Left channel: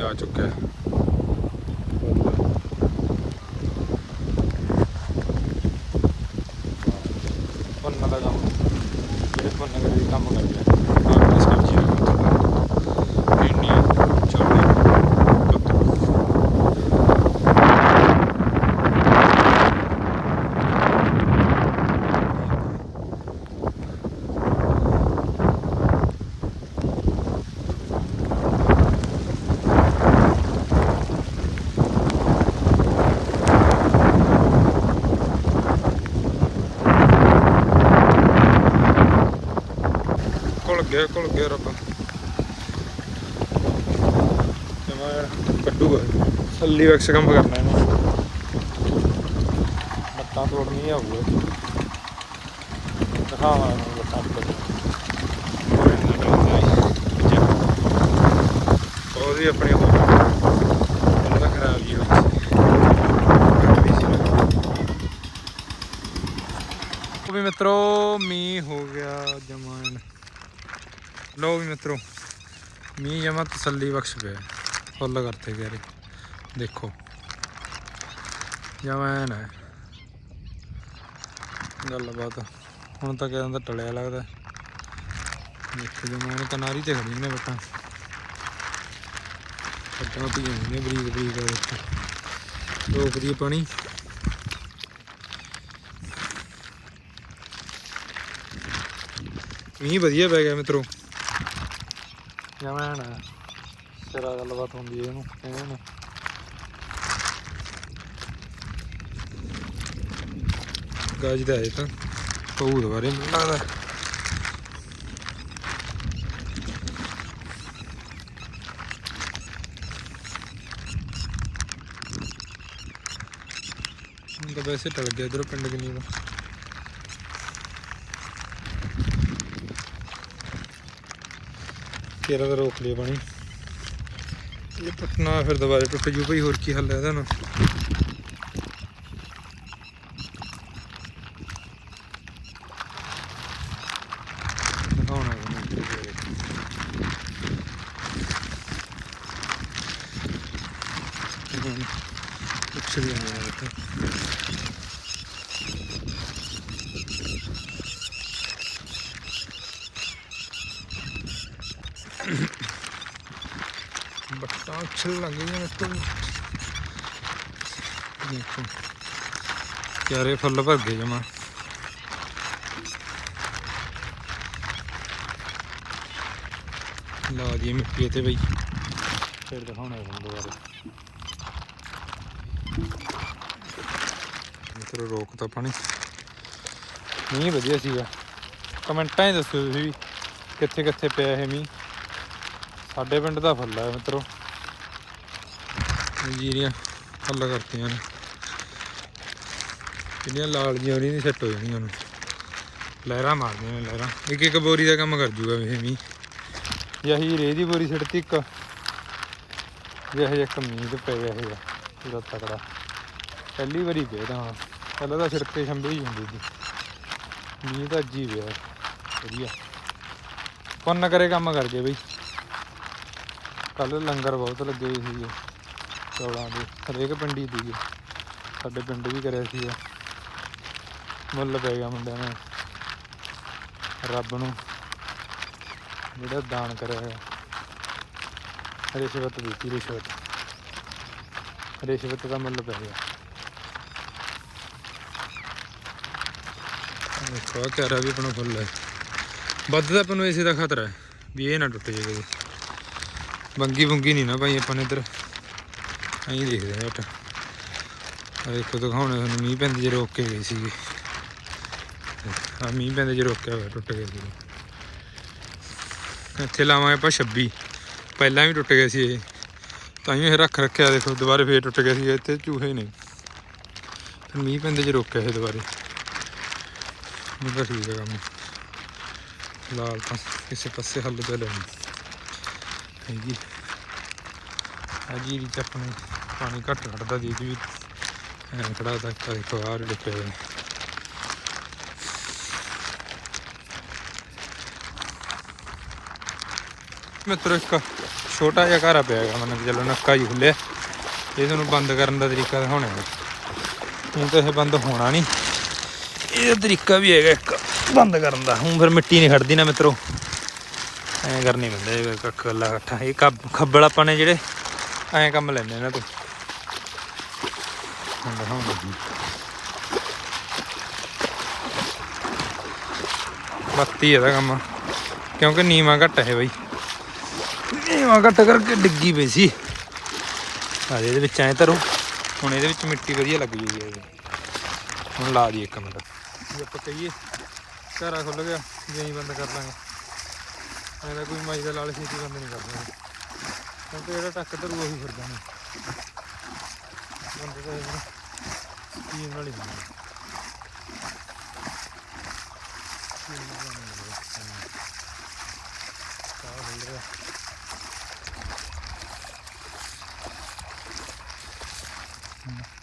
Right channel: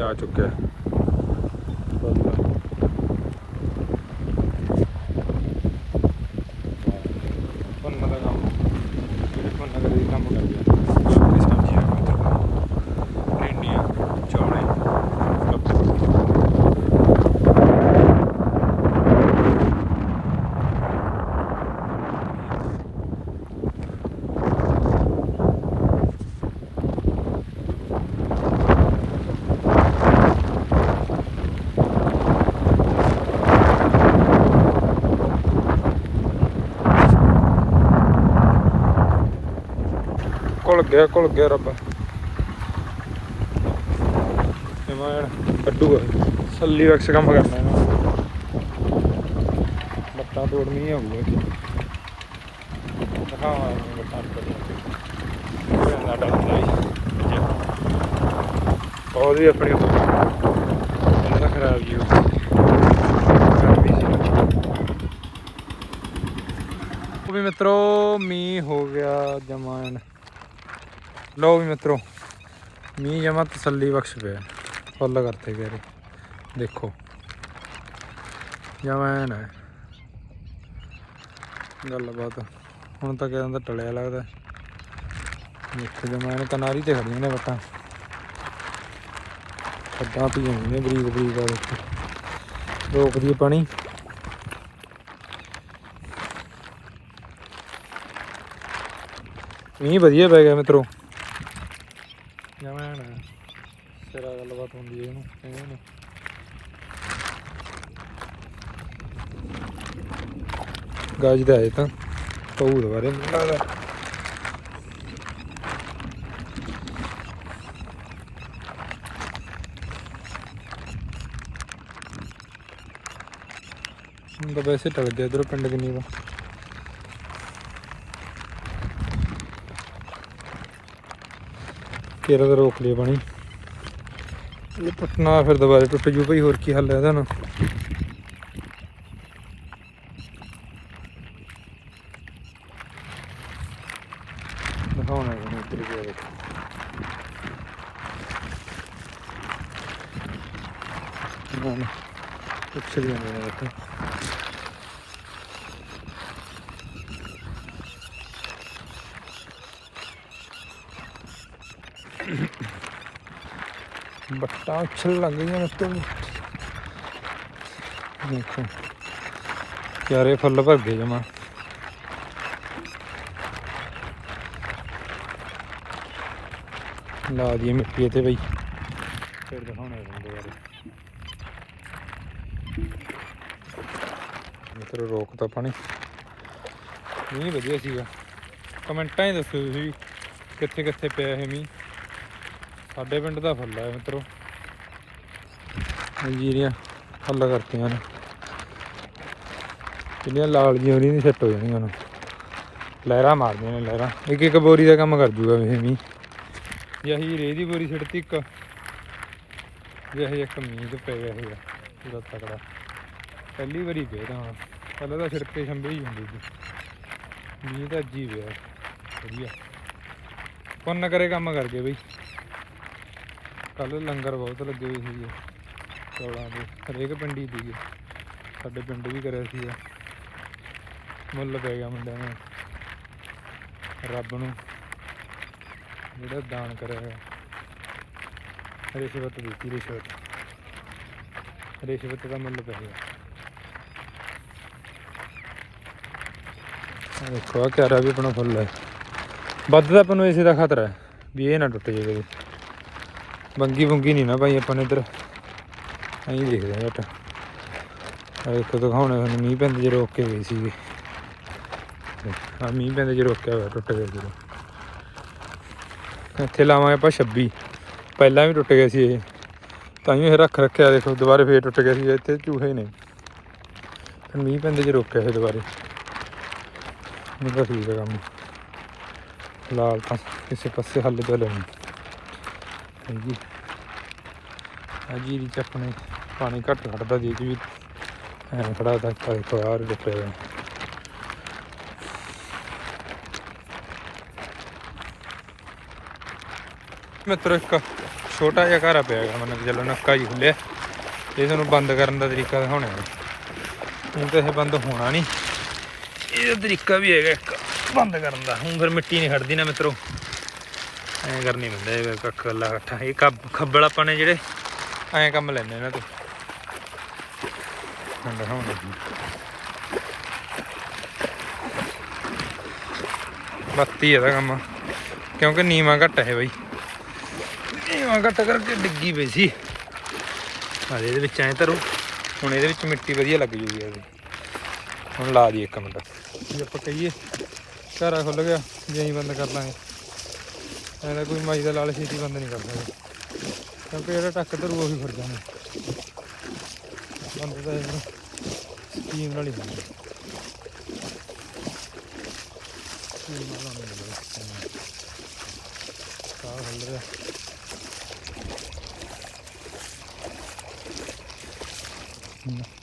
ਆ ਚੁੱਕਿਆ। ਪੁੰਨ ਦਾ ਕੰਮ ਜਿਹੜੇ ਪੁੰਨ ਕਰੇ ਵੀ ਕੰਮ ਕਰਦੇ ਆ ਆਪਣੀ ਸਬਜ਼ੀ ਵੀ ਉੱਥੇ ਭਿੰਡੀਆਂ ਚੌਲੇ ਕੱਦੂ ਘੁਲ ਗਿਆ ਘੁਲ ਗਿਆ ਰੱਬ। ਕੱਟੂਗਾ ਸੱਲੀ ਵੈਕਸ ਕੰਮ ਕਰਨਾ ਇਹਨਾਂ। ਲੱਤਾਂ ਤੋੜਨੀਆਂ ਹੋਊਗਾ ਅੱਜ ਦਿਖਾਵਾਂ ਲੱਤਾਂ ਤੋੜ ਉਹ ਇਹਨਾਂ ਦਾ ਹੁੰਦਾ ਹੀ ਅੱਜ ਉਹਦੀ ਆਪਣੀ ਇਹਨਾਂ ਖਰਾਬ ਜੀ ਵੀ ਮਿੱਤਰੋ, ਮੀਂਹ ਹੋ ਗਿਆ ਜਮਾਨ ਲੋ ਵੀ ਮਿੱਤਰੋ, ਮੀਂਹ ਜਮਾ ਤਸੱਲੀ ਬਖਸ਼ ਪਿਆ। ਫੁੱਲ ਕਰਤੇ ਗਏ ਦੇਖੋ। ਜਮਾਨ ਹੈ। ਗੱਲਬਾਤ। ਹੁਣ ਤਾਂ ਕਹਿੰਦਾ ਟਲਿਆ ਲੱਗਦਾ। ਦੇਖੋ ਜਮਾਨ ਕਨਾਰੀ ਤੇ ਖੜੀਆਂ ਨੇ ਬੱਟਾਂ। ਖੱਡਾਂ ਪੀਆਂ ਨੇ ਬਰੀਕ ਬਰੀਕ ਆ ਦੇਖੋ ਰੋਕਦੀ ਪਾਣੀ। ਮੀਂਹ ਵਧੀਆ ਪੈ ਗਿਆ ਮਿੱਤਰੋ। ਜਮਾਨ ਸਿਰਾ ਗੱਲਬਾਤ ਹੁੰਦੀ ਹੈ ਇਹਨੂੰ ਕਹਿੰਦੇ ਨੇ। ਗਾਜ ਦਾ ਹੈ ਤਾਂ, ਪਊ ਦੁਬਾਰੇ, ਮੈਨੂੰ ਲੱਗਦਾ। ਹੁਣ ਤਾਂ ਵੈਸੇ ਟਲ ਗਿਆ ਇਧਰੋਂ ਪਿੰਡ ਕਿੰਨੀ ਦਾ ਫਿਰ ਤਾਂ ਰੋਕ ਲਿਆ ਪਾਣੀ। ਇਹ ਪਟਨਾ ਫਿਰ ਦੁਬਾਰੇ ਟੁੱਟ ਜੂ ਭਈ, ਹੋਰ ਕੀ ਹੱਲ ਹੈ ਇਹਦਾ ਨਾ। ਦਿਖਾਉਣਾ ਇਹਨੂੰ ਇੱਧਰ ਗਿਆ ਦੇਖੋ ਨਾ ਨਾ ਕੁਛ ਵੀ ਨਹੀਂ ਹੈ ਉਛਲ ਲੱਗ ਗਈਆਂ ਨੇ ਤੋਂ ਦੇਖੋ ਚਾਰੇ ਫੁੱਲ ਭਰ ਗਏ ਜਮਾ ਲਾ ਦੀ ਮਿੱਟੀ ਤੇ ਬਈ ਫਿਰ ਦਿਖਾਉਣਾ ਤੁਹਾਨੂੰ ਦੁਬਾਰਾ ਮਿੱਤਰੋ ਰੋਕਤਾ ਪਾਣੀ ਮੀਂਹ ਵਧੀਆ ਸੀਗਾ ਕਮੈਂਟਾਂ 'ਚ ਦੱਸੋ ਤੁਸੀਂ ਵੀ ਕਿੱਥੇ ਕਿੱਥੇ ਪਿਆ ਇਹ ਮੀਂਹ ਸਾਡੇ ਪਿੰਡ ਦਾ ਫੁੱਲ ਹੈ ਮਿੱਤਰੋ ਜੀਰੀਆਂ ਹੱਲ ਕਰਤੀਆਂ ਨੇ। ਕਿੰਨੀਆਂ ਲਾਲ ਜੀਆਂ ਨਹੀਂ ਸੈੱਟ ਹੋ ਜਾਣੀਆਂ ਹੁਣ ਲਹਿਰਾਂ ਮਾਰਦੀਆਂ ਨੇ ਲਹਿਰਾਂ। ਇੱਕ ਇੱਕ ਬੋਰੀ ਦਾ ਕੰਮ ਕਰ ਜੂਗਾ ਇਹ ਮੀਂਹ। ਯਹੀ ਰੇਹ ਦੀ ਬੋਰੀ ਸਿੱਟਤੀ ਇੱਕ। ਜਿਹੇ ਇੱਕ ਮੀਂਹ ਤੇ ਪੈ ਗਿਆ ਹੈਗਾ ਪੂਰਾ ਤਕੜਾ। ਪਹਿਲੀ ਵਾਰੀ ਗਏ ਤਾਂ ਹੁਣ। ਪਹਿਲਾਂ ਤਾਂ ਸਿਰਕੇ ਛੰਬੇ ਹੀ ਹੁੰਦੀ ਸੀ। ਮੀਂਹ ਤਾਂ ਜੀ ਹੀ ਪਿਆ। ਵਧੀਆ। ਪੁੰਨ ਕਰੇ ਕੰਮ ਕਰ ਗਏ ਬਈ। ਕੱਲ ਲੰਗਰ ਬਹੁਤ ਲੱਗੇ ਹੋਏ ਸੀਗੇ। ਚੌਲਾਂ ਦੇ, ਹਰੇਕ ਪਿੰਡੀ ਦੀ ਸਾਡੇ ਪਿੰਡ ਵੀ ਕਰਿਆ ਸੀ ਮੁੱਲ ਪੈ ਗਿਆ ਮੁੰਡਿਆਂ ਨੇ। ਰੱਬ ਨੂੰ ਜਿਹੜਾ ਦਾਨ ਕਰਿਆ ਹੈ ਰਿਸ਼ਵਤ ਦਿੱਤੀ, ਰਿਸ਼ਵਤ। ਰਿਸ਼ਵਤ ਦਾ ਮੁੱਲ ਪੈ ਗਿਆ। ਦੇਖੋ ਆ ਵੀ ਆਪਣਾ ਫੁੱਲ ਹੈ ਵੱਧ ਤਾਂ ਆਪਾਂ ਨੂੰ ਇਸੇ ਦਾ ਖਤਰਾ ਹੈ ਵੀ ਇਹ ਨਾ ਟੁੱਟ ਜੇ ਕਦੇ ਬੰਗੀ ਬੁੰਗੀ ਨਹੀਂ ਨਾ ਭਾਈ, ਆਪਾਂ ਨੇ ਇੱਧਰ ਅਸੀਂ ਦੇਖਦੇ ਆ ਜੱਟ ਆ ਦੇਖੋ, ਦਿਖਾਉਣੇ ਤੁਹਾਨੂੰ, ਮੀਂਹ ਪੈਂਦੇ ਜੇ ਰੋਕ ਕੇ ਗਏ ਸੀਗੇ। ਆ ਮੀਂਹ ਪੈਂਦੇ ਜੇ ਰੋਕਿਆ ਹੋਇਆ, ਟੁੱਟ ਗਿਆ ਜਦੋਂ। ਇੱਥੇ ਲਾਵਾਂਗੇ ਆਪਾਂ 26 ਪਹਿਲਾਂ ਵੀ ਟੁੱਟ ਗਿਆ ਸੀ ਇਹ। ਤਾਂ ਹੀ ਇਹ ਰੱਖ ਰੱਖਿਆ, ਦੇਖੋ, ਦੁਬਾਰੇ ਫੇਰ ਟੁੱਟ ਗਿਆ ਸੀ, ਇੱਥੇ ਚੂਹੇ ਨੇ। ਫਿਰ ਮੀਂਹ ਪੈਂਦੇ ਜੇ ਰੋਕਿਆ ਇਹ ਦੁਬਾਰੇ। ਹੁਣ ਤਾਂ ਠੀਕ ਹੈ ਕੰਮ। ਲਾਲ ਤਾਂ ਕਿਸੇ ਪਾਸੇ ਹੱਲ ਤਾਂ ਲੈਣੀ। ਹੈਗੀ। ਆ ਜੀਰੀ ਪਾਣੀ ਘੱਟ ਖੜਦਾ ਦੀ ਵੀ ਐਂ ਖੜਾ ਤਾਂ ਤਾਂ ਦੇਖੋ ਆਹ ਹੋਇਆ ਮਿੱਤਰੋ, ਇੱਕ ਛੋਟਾ ਜਿਹਾ ਘਰ ਪਿਆ ਹੈਗਾ, ਮਤਲਬ ਕਿ ਚਲੋ ਨੱਕਾ ਹੀ ਖੁੱਲਿਆ ਇਹ ਤੁਹਾਨੂੰ ਬੰਦ ਕਰਨ ਦਾ ਤਰੀਕਾ ਦਿਖਾਉਣਾ ਹੈ। ਹੁਣ ਤਾਂ ਇਹ ਬੰਦ ਹੋਣਾ ਨਹੀਂ। ਇਹ ਤਰੀਕਾ ਵੀ ਹੈਗਾ ਇੱਕ, ਬੰਦ ਕਰਨ ਦਾ। ਹੁਣ ਫਿਰ ਮਿੱਟੀ ਨਹੀਂ ਖੜਦੀ ਨਾ ਮਿੱਤਰੋ। ਐਂ ਕਰਨੀ ਪੈਂਦਾ, ਇਹ ਕੱਖ ਗੱਲਾ ਇਕੱਠਾ। ਇਹ ਕੱਬ- ਖੱਬਲ ਆਪਾਂ ਨੇ ਜਿਹੜੇ। ਐਂ ਕੰਮ ਲੈਣੇ ਇਹਨਾਂ 'ਤੇ। ਹੁਣ ਦਿਖਾਉਣ ਲੱਗੀ ਬੱਤੀ ਇਹਦਾ ਕੰਮ। ਕਿਉਂਕਿ ਨੀਵਾ ਘੱਟ ਹੈ ਬਈ। ਨੀਵਾ ਘੱਟ ਕਰਕੇ ਡਿੱਗੀ ਪਈ ਸੀ। ਆ ਇਹਦੇ ਵਿੱਚ ਐਂ ਧਰੋ। ਹੁਣ ਇਹਦੇ ਵਿੱਚ ਮਿੱਟੀ ਵਧੀਆ ਲੱਗ ਜੂਗੀ ਇਹ ਹੁਣ ਲਾ ਦੀ ਇੱਕ ਮਿੰਟ। ਜੇ ਆਪਾਂ ਕਹੀਏ, ਘਰਾ ਖੁੱਲ ਗਿਆ, ਜੇ ਬੰਦ ਕਰ ਲਾਂਗੇ। ਐਂ ਤਾਂ ਕੋਈ ਮਾਈ ਦਾ ਲਾਲ ਛੇਤੀ ਬੰਦ ਨਹੀਂ ਕਰ ਸਕਦਾ। ਕਿਉਂਕਿ ਇਹਦਾ ਟੱਕ ਧਰੂ ਉਹੀ ਫਿਰ ਜਾਂਦਾ ਬੰਦ ਤਾਂ ਇਹ ਸਟੀਮ ਨਾਲ ਹੀ ਹੁੰਦਾ steam ਨਾਲ ਨਹੀਂ ਹੁੰਦਾ। ਸਾਹ ਖੁੱਲ ਗਿਆ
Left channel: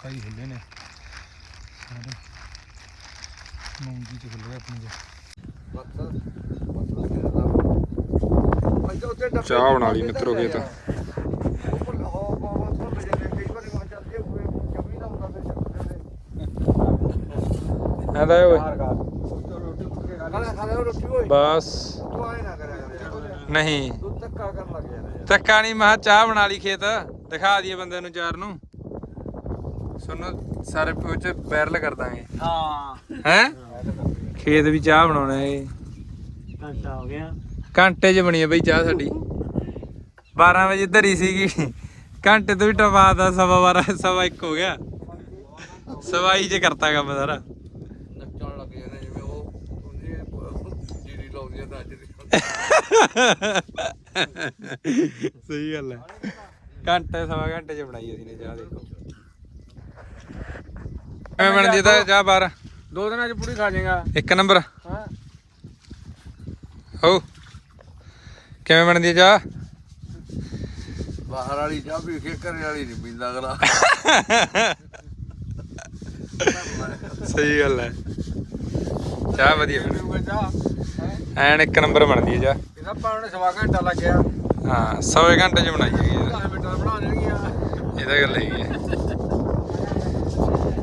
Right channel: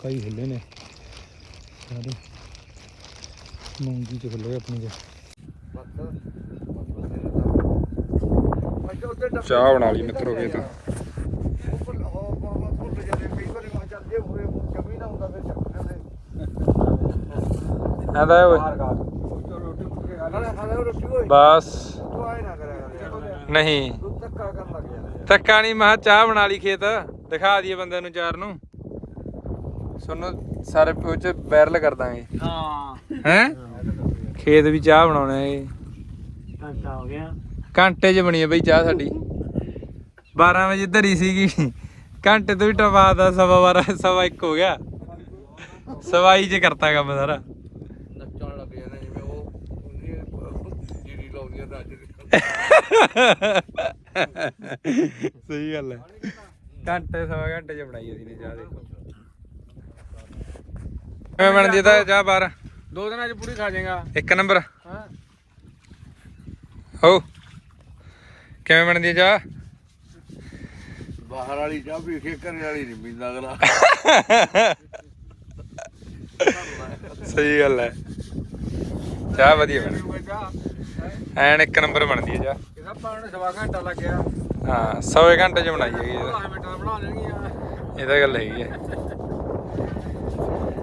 ਕਈ ਹਿੱਲੇ ਨੇ। ਸਾਰੇ। ਮੂੰਗੀ ਚ ਖੁੱਲੇ ਆਪਣੀ ਚ ਚਾਹ ਬਣਾ ਲਈ ਮਿੱਤਰੋ ਖੇਤ। ਆਂਦਾ ਓਏ। ਬਸ। ਨਹੀਂ। ਧੱਕਾ ਨਹੀਂ ਮੈਂ ਚਾਹ ਬਣਾ ਲਈ ਖੇਤ। ਦਿਖਾ ਦਈਏ ਬੰਦੇ ਨੂੰ ਚਾਰ ਨੂੰ। ਸੁਣੋ ਸਾਰੇ ਉਹ ਚ ਵਾਇਰਲ ਕਰ ਦਾਂਗੇ। ਹਾਂ। ਹੈ? ਖੇਤ ਵੀ ਚਾਹ ਬਣਾਉਣਾ ਹੈ ਘੰਟਾ ਹੋ ਗਿਆ। ਘੰਟੇ 'ਚ ਬਣੀ ਹੈ ਬਈ ਚਾਹ ਸਾਡੀ। 12 ਵਜੇ ਧਰੀ ਸੀਗੀ। ਘੰਟੇ ਤੋਂ ਵੀ ਟਪਾ ਦਾ ਸਵਾ 12 ਸਵਾ 1 ਹੋ ਗਿਆ। ਸਵਾਈ 'ਚ ਕਰਤਾ ਕੰਮ ਸਾਰਾ ਨੱਚਣ ਲੱਗ ਜਾਂਦੇ ਜਿਵੇਂ ਉਹ ਉਹਦੀ ਸਹੀ ਗੱਲ ਹੈ। ਘੰਟੇ ਸਵਾ ਘੰਟੇ 'ਚ ਬਣਾਈ ਅਸੀਂ ਨੇ ਚਾਹ ਦੇਖੋ। ਕਿਵੇਂ ਬਣਦੀ ਹੈ ਤਾਂ ਚਾਹ ਬਾਹਰ? ਦੋ ਦਿਨਾਂ ਚ ਪੂਰੀ ਖਾ ਜਾਏਗਾ। ਇੱਕ ਨੰਬਰ? ਹਾਂ। ਹੋ। ਕਿਵੇਂ ਬਣਦੀ ਹੈ ਚਾਹ? ਬਾਹਰ ਵਾਲੀ ਚਾਹ ਵੀ ਕੇ ਘਰੇ ਵਾਲੀ ਨਹੀਂ ਪੀਂਦਾ ਅਗਲਾ। ਸਹੀ ਗੱਲ ਹੈ। ਚਾਹ ਵਧੀਆ ਬਣੀ ਐਨ ਇੱਕ ਨੰਬਰ ਬਣਦੀ ਹੈ ਚਾਹ ਇਹਦਾ ਪਾਣ ਸਵਾ ਘੰਟਾ ਲੱਗਿਆ ਹਾਂ ਸੌ ਘੰਟੇ 'ਚ ਬਣਾਈ ਹੈਗੀ ਇਹਦਾ। 10 ਮਿੰਟਾਂ ਦਾ ਬਣਾ ਦੇਣਗੀਆਂ ਇਹਦਾ ਗੱਲ ਹੈਗੀ ਹੈ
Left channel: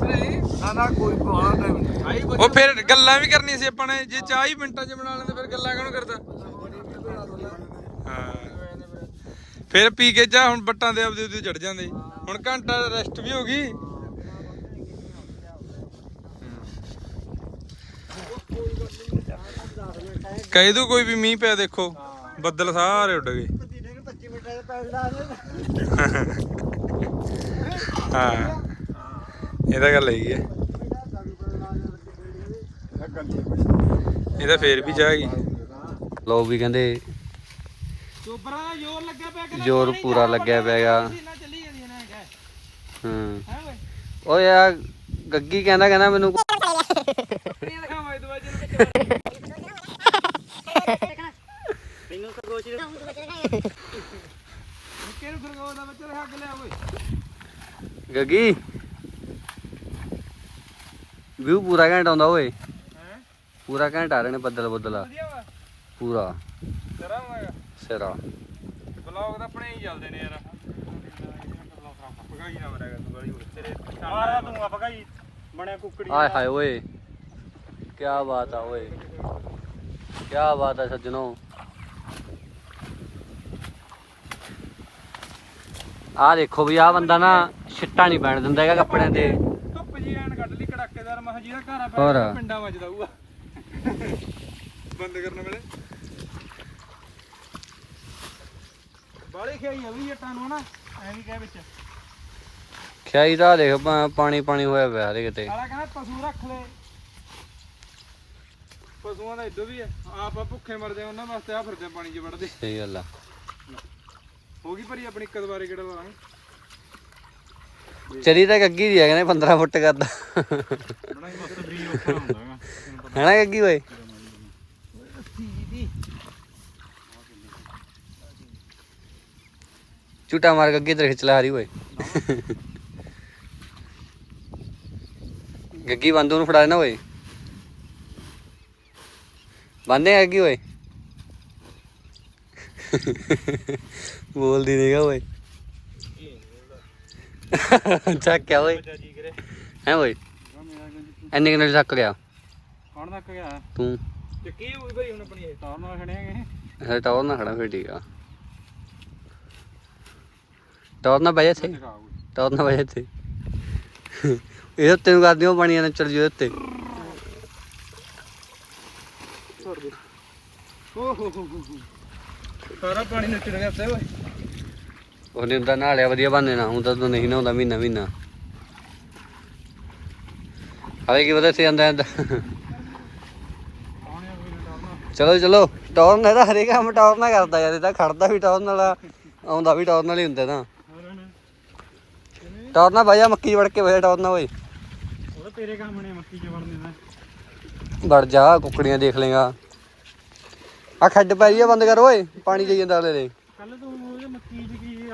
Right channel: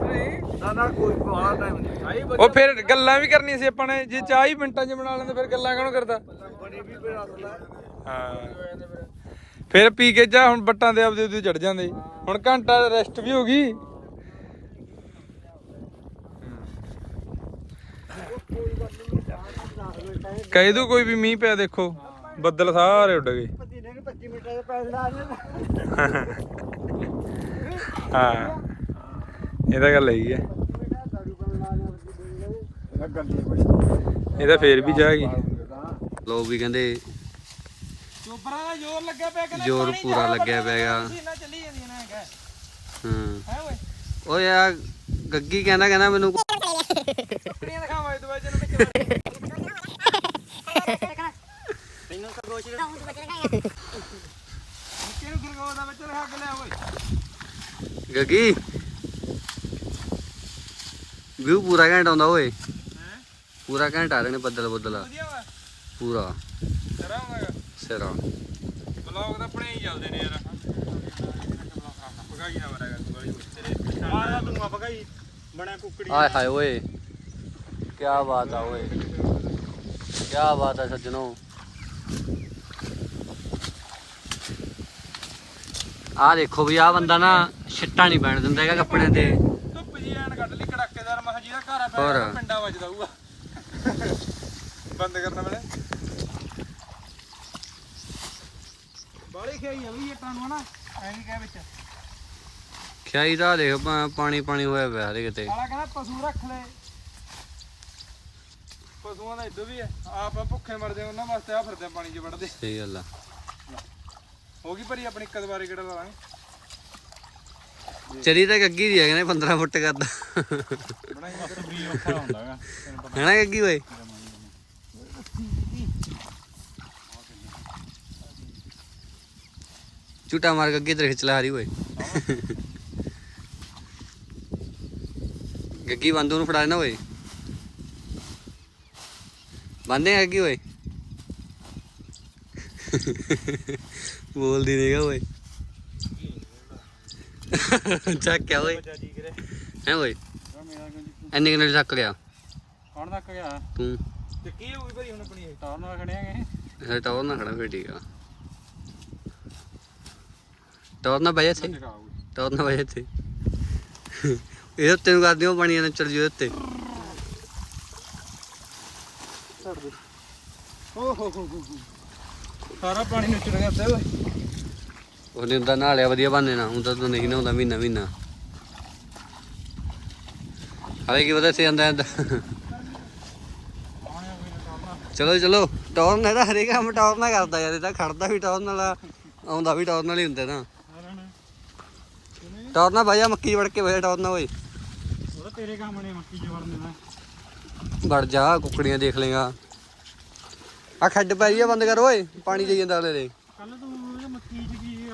ਨਹੀਂ ਨਾ ਨਾ ਕੋਈ ਬਾਹਰ ਟਾਈਮ ਨਹੀਂ ਆਈ ਉਹ ਫਿਰ ਗੱਲਾਂ ਵੀ ਕਰਨੀਆਂ ਸੀ ਆਪਾਂ ਨੇ। ਜੇ ਚਾਹ ਹੀ ਮਿੰਟਾਂ 'ਚ ਬਣਾ ਲੈਂਦੇ ਫਿਰ ਗੱਲਾਂ ਕਿਉਂ ਕਰਦਾ? ਹਾਂ। ਫਿਰ ਪੀ ਕੇ ਚਾਹ ਹੁਣ ਬੱਟਾਂ ਦੇ ਆਪਦੇ ਉਹਦੇ ਚੜ ਜਾਂਦੇ। ਹੁਣ ਘੰਟਾ ਰੈਸਟ ਵੀ ਹੋ ਗਈ। ਕਹਿ ਦੂ ਕੋਈ ਵੀ ਮੀਂਹ ਪਿਆ ਦੇਖੋ ਬੱਦਲ ਸਾਰੇ ਉੱਡ ਗਏ। ਹਾਂ ਇਹ ਤਾਂ ਗੱਲ ਹੈਗੀ ਹੈ ਇਹ ਤਾਂ ਫੇਰ ਵੀ ਜਾ ਗਈ। ਲੋਕ ਵੀ ਕਹਿੰਦੇ ਚੋਬਰਾਂ ਦਾ ਜ਼ੋਰ ਲੱਗਿਆ ਪਿਆ ਕਹਿੰਦਾ ਜ਼ੋਰ ਪੂਰਾ ਲੱਗਿਆ ਪਿਆਗਾ ਹੂੰ। ਓਏ? ਯਾਰ ਗੱਗੀ ਕਹਿੰਦਾ ਕਹਿੰਦਾ ਮੈਨੂੰ ਕੱਪੜੀਆਂ ਦਿਖਾਵਾ ਇਹ ਦਵਾਈ ਨੂੰ ਵਿੱਚ ਮੈਨੂੰ ਖਰਗੋਸ਼ ਨੂੰ ਨਿੱਕੇ ਨੂੰ ਖਰਗੋਸ਼ ਦਾ ਬੱਚਾ ਦਿਖਾ ਕੇ? ਲਿਆ ਓਏ ਗੱਗੀ ਵਿਊ ਪੂਰਾ ਘੰਟਾ ਆਉਂਦਾ ਓਏ। ਹੈ ਪੂਰਾ ਘੰਟਾ ਆ ਰਹੇ ਨੇ ਬੱਦਲ ਬੱਦਲ। ਪੂਰਾ। ਸਿਰਾ। ਬਲੌਗ ਤਾਂ ਆਪਣੇ ਹੀ ਚੱਲਦੇ ਨੇ ਯਾਰ ਪਕਾਈ ਨਾ ਮਰਾਗਾ ਤੂੰ ਗਲੀ ਤੇਰੇ ਮਾਰਾ ਤੂੰ ਆ ਪਕਾਈ ਬਣੇ ਕੁੱਕੜੀ ਆਏ ਹਾਏ ਓਏ। ਕੀ ਬਾਤ ਆ ਓਏ। ਕੀ ਬਾਤ ਆ ਸੱਜਣੋ। ਆ ਦੇਖੋ ਵੀ ਆ ਬੰਦਾ ਨਾ ਛਿੱਟਾ ਨਹੀਂ ਪੈਣ ਦਿੰਦਾ ਹੈਗਾ ਕੱਪੜਿਆਂ ਤੇ। ਧੁੱਪ ਜੀ ਐਨ ਕੱਢ ਲਈ ਕੜਾਕੇਦਾਰ ਮਹ ਜੀ ਦਾ ਘਰ ਆ ਹੋਰ। ਪਿਆ ਪਿੰਡਾਂ ਵੱਜਦਾ ਹੋਊਗਾ। ਬੰਦ ਕਰਨ ਵੇਲੇ। ਬਾਲੀ ਖਾਈ ਆ ਵੀ ਜੱਟਾਂ ਨੂੰ ਹਨਾ ਐਂ ਵੀ ਕਹਿ ਵਿੱਚ। ਖਿਆਈ ਦਾ ਦੇਖ ਪਾ- ਪਾਣੀ ਪਾਣੀ ਹੋਇਆ ਪਿਆ ਹਰੇ ਕਿਤੇ ਆਲਾ ਕਹਿੰਦਾ ਪਸ਼ੂ ਰੱਖ ਲੈ। ਪਸ਼ੂਆਂ ਦਾ ਇਦੋਂ ਵੀ ਹੈ। ਆਪ ਭੁੱਖੇ ਮਰ ਉਹਨਾਂ ਵਾਸਤੇ ਆ ਫਿਰਦੇ ਆ ਪਾਣੀ 'ਚ ਵੜਦੇ। ਸਹੀ ਗੱਲ ਆ। ਹੋ ਗਈ ਭਰੀ ਆਪਣੀ ਇੱਕ ਦੁਬਾਰੇ ਕਿਹੜਾ ਲਾਵਾਂਗੇ? ਚਰੀ ਤਾਂ ਗੱਗੀ ਦੀ ਹੈ ਕਹਿੰਦੇ 15 ਫੁੱਟ ਕਰਦਾ ਬਣਾਈ ਮੱਤ ਬਰੀ ਔਖਾ ਹੁੰਦਾਗਾ ਹੈਨਾ ਗੱਗੀ ਓਏ? ਝੂਟਾ ਮਾਰ ਗੱਗੀ ਤੇ ਖਿੱਚ ਲੈ ਹਰੀ ਓਏ। ਗੱਗੀ ਬੰਦੂ ਨੂੰ ਫੜਾ ਦੇਣਾ ਓਏ। ਬੰਦੇ ਗੱਗੀ ਓਏ? ਬੋਲਦੀ ਨਹੀਂਗਾ ਓਏ। ਚੱਕਿਆ ਓਏ। ਹੈ ਓਏ? ਐਨੇ ਕਿੰਨੇ ਥੱਕ ਗਿਆ? ਕੌਣ ਤੱਕ ਗਿਆ? ਤੂੰ। ਤੇ ਕੀ ਹੋਈ ਭਾਈ ਹੁਣ ਆਪਣੀ? ਤਾਂ ਨਾਲ ਖੜਿਆਗੇ ਹੈ ਟੌਰ ਨਾ ਖੜਾ ਫੇਰ ਠੀਕ ਆ। ਟੌਰ ਨਾ ਬਜੇ ਥੇ ਟੌਰ ਨਾ ਬਜੇ ਥੇ ਇਹ ਉੱਤੇ ਨੂੰ ਕਰਦੀ ਉਹ ਪਾਣੀ ਨਾਲ ਚੱਲ ਜੂ ਉੱਤੇ। ਓ ਹੋ ਹੋ ਹੋ। ਸਾਰਾ ਪਾਣੀ ਨੱਚੜ ਗਿਆ ਉੱਤੇ ਓਏ। ਉਹਨੇ ਹੁੰਦਾ ਨਹਾ ਲਿਆ ਵਧੀਆ ਬੰਨੇ ਨਾ ਹੁੰਦਾ ਤੂੰ ਨਹੀਂ ਨਹਾਉਂਦਾ ਮਹੀਨਾ ਮਹੀਨਾ। ਹਾਲੇ ਕੀ ਪਤਾ ਸੀ ਆਂਦਾ ਚਲੋ ਚਲੋ। ਟੌਰ ਨਾਲ ਤਾਂ ਹਰੇਕ ਕੰਮ ਟੌਰ ਨਾਲ ਕਰਦਾ ਯਾਰ। ਇਹ ਤਾਂ ਖੜਦਾ ਵੀ ਟੌਰ ਨਾਲ ਆਉਂਦਾ ਵੀ ਟੌਰ ਨਾਲ ਹੀ ਹੁੰਦਾ ਨਾ ਟੌਰ ਨਾਲ ਬਾਜਾ ਮੱਕੀ ਵੜ ਕੇ ਬਹਿ ਟੌਰ ਨਾਲ ਓਏ। ਉਹ ਤਾਂ ਤੇਰੇ ਕੰਮ ਨੇ ਮੱਕੀ ਚ ਵੜਨੇ ਦਾ। ਵੜ ਜਾ ਕੁੱਕੜੀਆਂ ਦੇਖ ਲੇਗਾ। ਆ ਖੱਡ ਪੈ ਰਹੀ ਆ ਬੰਦ ਕਰ ਓਏ ਪਾਣੀ ਦੇਈ ਜਾਂਦਾ ਦੇ ਕੱਲ ਤੂੰ ਮੱਕੀ ਚ ਕੀ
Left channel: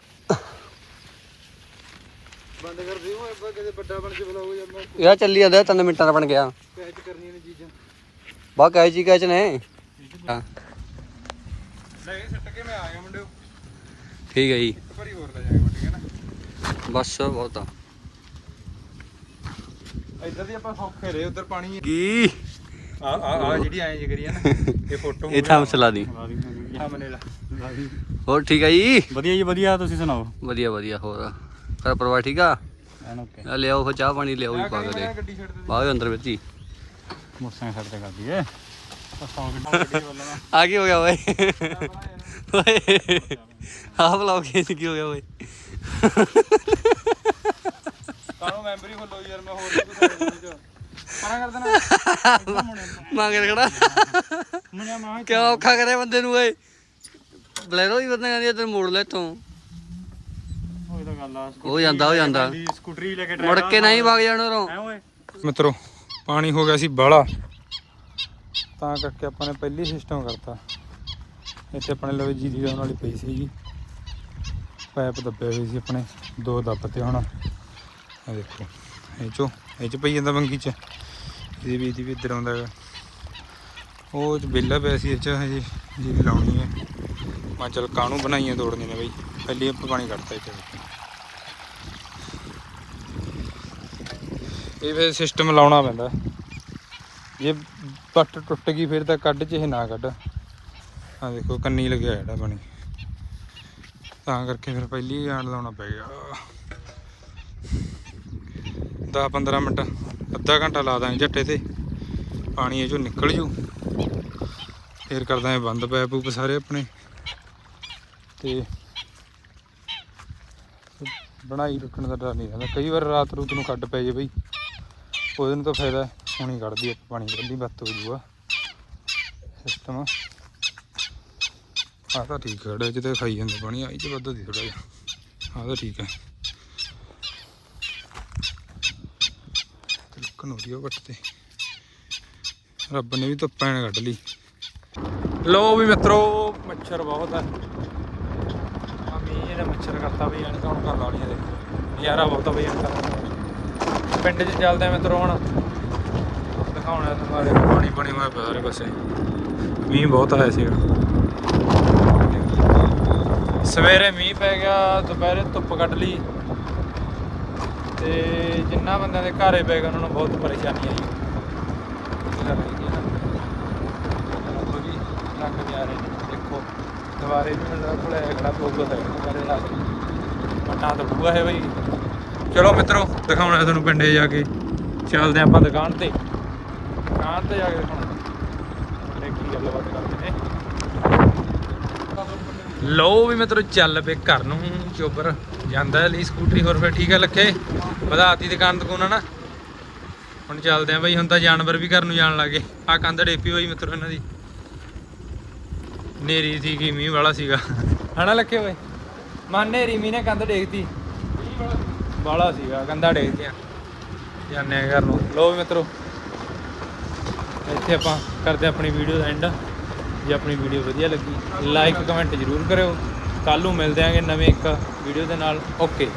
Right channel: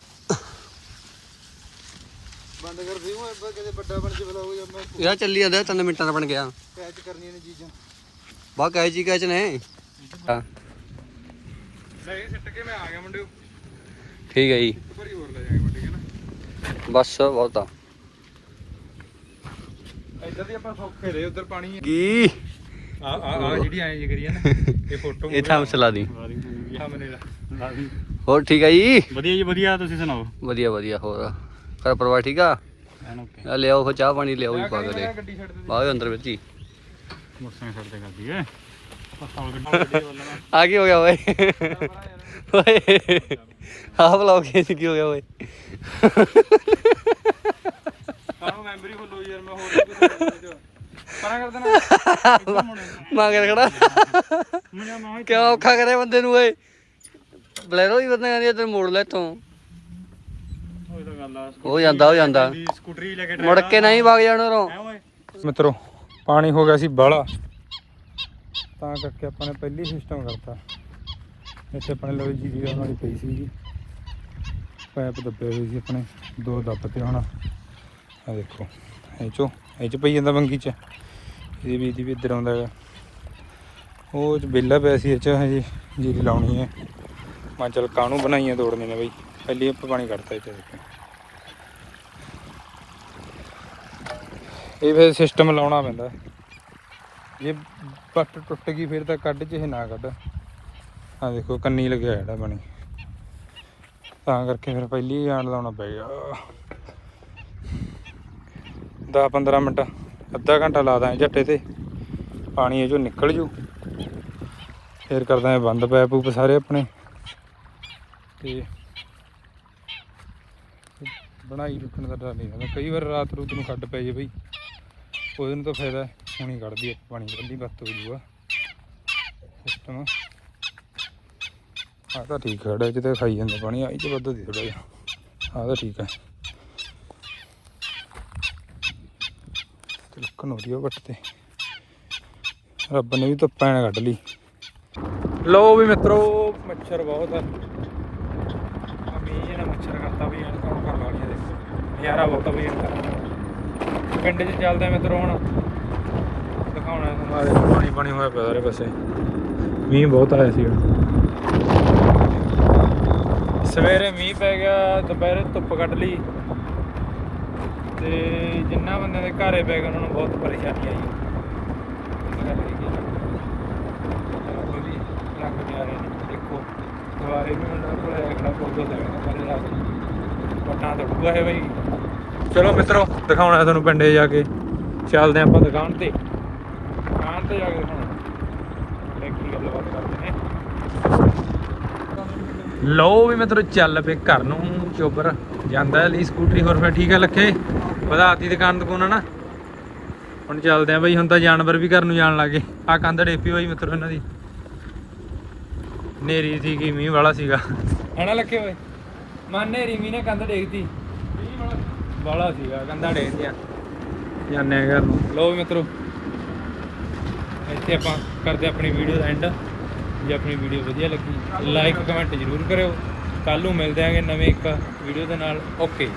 ਬੰਦ ਕਰ ਓਏ ਅੱਗੇ ਕਦੇ ਵੱਡਾ ਬਣ ਕੇ ਬਲਾ ਹੋ ਜਾਂਦਾ। ਯਾਰ ਚੱਲੀ ਜਾਂਦਾ ਤਿੰਨ ਮਿੰਟਾਂ ਦਾ ਬਣ ਗਿਆ। ਕੈਚ ਕਰਨੀਆਂ ਨੇ ਚੀਜ਼ਾਂ। ਬਾ ਕਹੇ ਜੀ ਕਹੇ ਚ ਨੇ। ਹਾਂ। ਲੈ ਸਿੱਟ ਕੇ ਮੈਂ ਆ ਗਿਆ ਮੁੰਡੇ ਠੀਕ ਹੈ ਜੀ। ਇੱਕ ਵਾਰੀ ਹੋਰ ਲੈ ਜਾਵਾਂਗੇ ਮੁੰਡੇ ਹੈ ਨਾ ਬਸ ਬਹੁਤ। ਆ ਇੱਧਰ ਦੀ ਆਪਾਂ ਸੌਖੇ ਰਹੇ ਉਧਰ ਪਾਣੀ ਕੀ? ਆ ਆ ਆ ਜਿਹੜੀ ਐਂ ਜੀ ਕਰੀ ਆ ਨਾ ਇਹ ਫੋਟੋ ਇਹ ਥਾਂ ਮਸਲਾ ਦੀ। ਹੋਰ ਠੀਕ ਹੈ ਜੀ? ਵਧੀਆ ਜੀ ਵਧੀਆ ਤੁਸੀਂ ਸੁਣਾਓ? ਵਧੀਆ ਵਧੀਆ ਹੋਰ? ਘਰ ਪਰਿਵਾਰ ਠੀਕ ਆ? ਆ ਲਿਆਓ ਫਿਰ ਚਾਹ ਪਾਣੀ ਲਿਆਓ ਜੀ ਪਾ ਕੇ ਦੇ। ਅੰਦਰ ਵਿੱਚ ਹੀ। ਛੱਡ ਤੇ ਕਰਦੀ ਏ। ਆ ਕੀ ਹੋ ਗਿਆ ਓਏ? ਓਏ ਆਹ ਬਲੌਗ ਇਹ ਕੀ ਹੋ ਗਿਆ ਓਏ। ਕਾਹਨੂੰ ਮੈਂਬਰੀ ਖੋਲੋ ਯਾਰ ਮੈਂ ਹੋਰ ਪਰਾਂ ਕਰ ਦੇਣਾ। ਮੰਗ ਖੜਾ। ਮੁੰਡਾ ਮਾਂ ਕਿਉਂ ਔਖਾ ਕਰੇ ਬੰਦੇ ਨੂੰ ਓਏ? ਬਲੈਰੋ ਹੀ ਬੰਦੇ ਆਂਦੀ ਤੈਨੂੰ ਮੋੜ ਲੈ ਤੂੰ। ਉਹ ਤਾਂ ਗੱਲ ਆ ਹੋ ਜਾਂਦਾ ਹੋ ਜਾਂਦਾ। ਦੀ ਸਕੂਟਰੀ ਲੈ ਕੇ ਮੁੜ ਕੇ ਨਹੀਂ ਵਗ ਜਾਣਾ ਰੋ ਐ ਓਏ? ਮਿੱਤਰੋ ਪਾਣੀ ਹੋ ਗਿਆ ਸੀ ਬਾਹਲਾ। ਤਾਂ ਕਰਕੇ ਆਪਾਂ ਨੇ ਪਹਿਲੀ ਸਿਸਟਮ ਕਰਤਾ। ਇੱਥੇ ਆਪਣੇ ਲਵੇ ਜੀ ਦੀ ਆਉਣ ਵਾਲੀ ਪਈ ਸੀਗੀ। ਪਾਈਪ ਦੱਬੇ ਹੋਏ ਸੀ ਆਪਣੇ। ਦੋ ਦੱਬਤੇ ਹੁਣ। ਆ ਦੇਖੋ ਇਹ ਚੋ ਇਹ ਚ ਪਈ ਜਾਂਦਾ ਬੰਗੀ ਚ। ਇਹਦੀ ਵੀ ਵੀ ਇੱਧਰ ਆਉਂਦਾ ਹੈਗਾ। ਉਹ ਚ ਬੇਲਾ ਪਿਆ ਸੀ ਇਹ ਹਜੇ, ਜੀ ਦੀ ਲਾਉਣੀ ਹੈ। ਮੈਂ ਚਲ ਕਾਹਨੂੰ ਬਣਾਈਆਂ ਤੋੜਨੇ ਨੇ ਬਈ? ਪਹਿਲੀ ਆਪਾਂ ਪਾਣੀ ਕੱਢਤਾ ਇਹ ਇਹ ਫਿਰ ਸਿਸਟਮ ਲਾਉਣਾ ਪੈਂਦਾ। ਜੇ ਪੱਟ ਟੁੱਟ ਗਈ ਫਿਰ ਤਾਂ ਕੱਢ ਚ ਇਹ ਨਾ ਕੱਢ। ਆ ਦੇਖੋ ਕੰਨੀ ਲੱਗਿਆ ਜਿਹੜਾ ਪਾਣੀ। ਤਾਂ ਕਰਕੇ ਫਿਰ ਪਹਿਲੀ ਆਣ ਲਾਉਣਾ ਪੈ ਗਿਆ। 10 15 ਮਿੰਟ। ਅੱਧਾ ਘੰਟਾ ਲਾ ਦਾਂ ਝੱਟੇ ਤੇ। ਪਾਣੀ ਇਹ ਚੋਂ ਨਿਕਲ ਜੂ। ਫਿਰ ਕਰਦਾ ਇਹ ਬੰਦ ਪੈਪ ਉਪ ਸਾਰੇ ਆਪਣੇ। ਤੇ ਬਣਾਈ ਰੱਖਣ ਦਾ ਡਰ ਨਹੀਂ ਰਹਿੰਦਾ ਕਈ ਵਾਰ ਰਾਤ ਰੂਤ ਨੂੰ ਖੱਡ ਪੈ ਜੇ ਬਈ। ਉਹਦੇ ਨੂੰ ਤਾਂ ਫਾਇਦਾ ਹੁਣੀ ਕੱਢਦੀ ਆ ਪਾਣੀ ਕੱਢੀ ਬੱਤ ਹੋ ਜੂਗਾ ਸਿਸਟਮ ਆ ਤਾਂ ਠੀਕ ਖੜਾ ਇਹ 'ਚ ਖਾਈ ਜਾਂਦਾ ਪਾਣੀ ਆਈ ਚ ਵੱਧ ਦੀ ਥੋੜਾ ਜਿਹਾ। ਆ ਤਾਂ ਠੀਕ ਹੈ। ਵੱਟ ਤੇ। ਰੱਬ ਨੇ ਵੀ ਧੁੱਪਾਂ ਨਾਲ ਕੱਢ ਲਈ। ਲੋ ਵੀ ਮਿੱਤਰੋ ਮੱਛਰ ਬਹੁਤ ਹੈ ਮੰਮੀ ਜੀ ਨੇ ਮੱਛਰ ਕਰਤਾ ਵੀ ਐਨਕਾਂ ਹੁਣ ਕਰ ਲਾ ਲਈਆਂ ਦੇਖੋ। ਨਜ਼ਾਰਾ ਬਹੁਤ ਆ ਬਈ ਐਨਕਾਂ ਪਿੰਡ 'ਚ ਚੱਲਦੇ ਆ ਮਿੱਤਰੋ ਹੁਣ। ਦਿਖਾਉਣਾ ਤੁਹਾਨੂੰ ਪਾਣੀ ਪਾਣੀ ਹੋਇਆ ਪਿਆ ਸਾਰੇ ਪਾਸੇ। ਮੀਂਹ ਬਹੁਤ ਆਇਆ ਸੀਗਾ। ਸਵੇਰੇ ਮੀਂਹ ਪੈ ਗਿਆ ਦੁਪਹਿਰੇ ਧੁੱਪ ਕੱਢ ਲਈ। ਤੇ ਜਿੰਨਾ ਬੰਦਿਆਂ ਦੇ ਘਰੇ ਪੈ ਗਿਆ ਉਹਨਾਂ ਨੂੰ ਬਹੁਤ ਪਰੇਸ਼ਾਨੀ ਆਈ। ਇਹ ਗੱਲ ਹੈਗੀ ਆ। ਰੰਗ ਦੇ ਆ ਰਹੇ ਦੇਖੋ ਦੁਆਰੇ ਵੀ ਉਹਨਾਂ ਕੋਲ ਅਗੜਾ ਪੋਗੋ ਦਾ ਹੈ ਮੇਰੇ ਰਾਤ ਵਟਾਂ ਤੋੜੂਗਾ ਇਹ ਬਈ। ਚਲੋ ਮਿੱਤਰੋ, ਦਿਖਾਉਣਾ ਤੁਹਾਨੂੰ ਪਿੰਡੇ ਜਾ ਕੇ। ਚੱਲਦੇ ਹਾਂ ਆਪਾਂ ਦੁਕਾਨ ਤੇ। ਦੁਕਾਨ ਤੇ ਜਾ ਕੇ ਦਿਖਾਉਣਾ ਤੇ ਕੀ ਗੱਲਬਾਤ ਕਰਦੇ ਨੇ ਲਓ ਵੀ ਮਿੱਤਰੋ, ਚੱਲ ਪਏ ਘਰ ਨੂੰ। ਚੋਬਰ ਜਾਂਦਾ ਲਈ ਸਕੂਟਰੀ। ਹੋਰ ਫਿਰ ਠੀਕ ਆ ਲੱਖੇ? ਵਧਾਤੀ ਦੁਕਾਨ ਦੁਕਾਨ ਨਾ ਹੁਣ ਚੱਲਦੇ ਆ ਬਈ, ਹੁਣ ਤਾਂ ਜਾਨਵਰ ਵੀ ਘਰ ਨੂੰ ਜਾਣ ਲੱਗੇ ਆ ਕੰਧ ਡੇਪੀ ਹੋਈ ਮਿੱਤਰੋ ਇਹਨਾਂ ਦੀ। ਨੇਰੀ ਸੀਗੀ ਮੀਂਹ ਵਾਲਾ ਸੀਗਾ। ਹਣਾ ਲੱਖੇ ਓਏ। ਮਾ ਨੇਰੀ ਮੀਂਹ ਨੇ ਕੰਧ ਡੇਕਤੀ। ਵਾਲਾ ਸੀਗਾ, ਕੰਧਾ ਡੇਕਤਿਆ। ਜਾਂਦੇ ਆ ਘਰ ਨੂੰ। ਲੋ ਵੀ ਮਿੱਤਰੋ। ਇੱਥੇ ਆਪਾਂ ਕਰਦੇ ਆਪਣੀ ਵੀਡੀਓ ਦਾ ਐਂਡ ਜੇ ਆਪਣੀ ਵੀਡੀਓ ਵਧੀਆ ਲੱਗੀ ਲਾਈਕ ਕਮੈਂਟ ਜ਼ਰੂਰ ਕਰਿਓ। ਕੱਲ ਨੂੰ ਮਿਲਦੇ ਆਂਗੇ ਨਵੇਂ ਇੱਕ ਵੀਡੀਓ ਦੇ ਨਾਲ। ਓਕੇ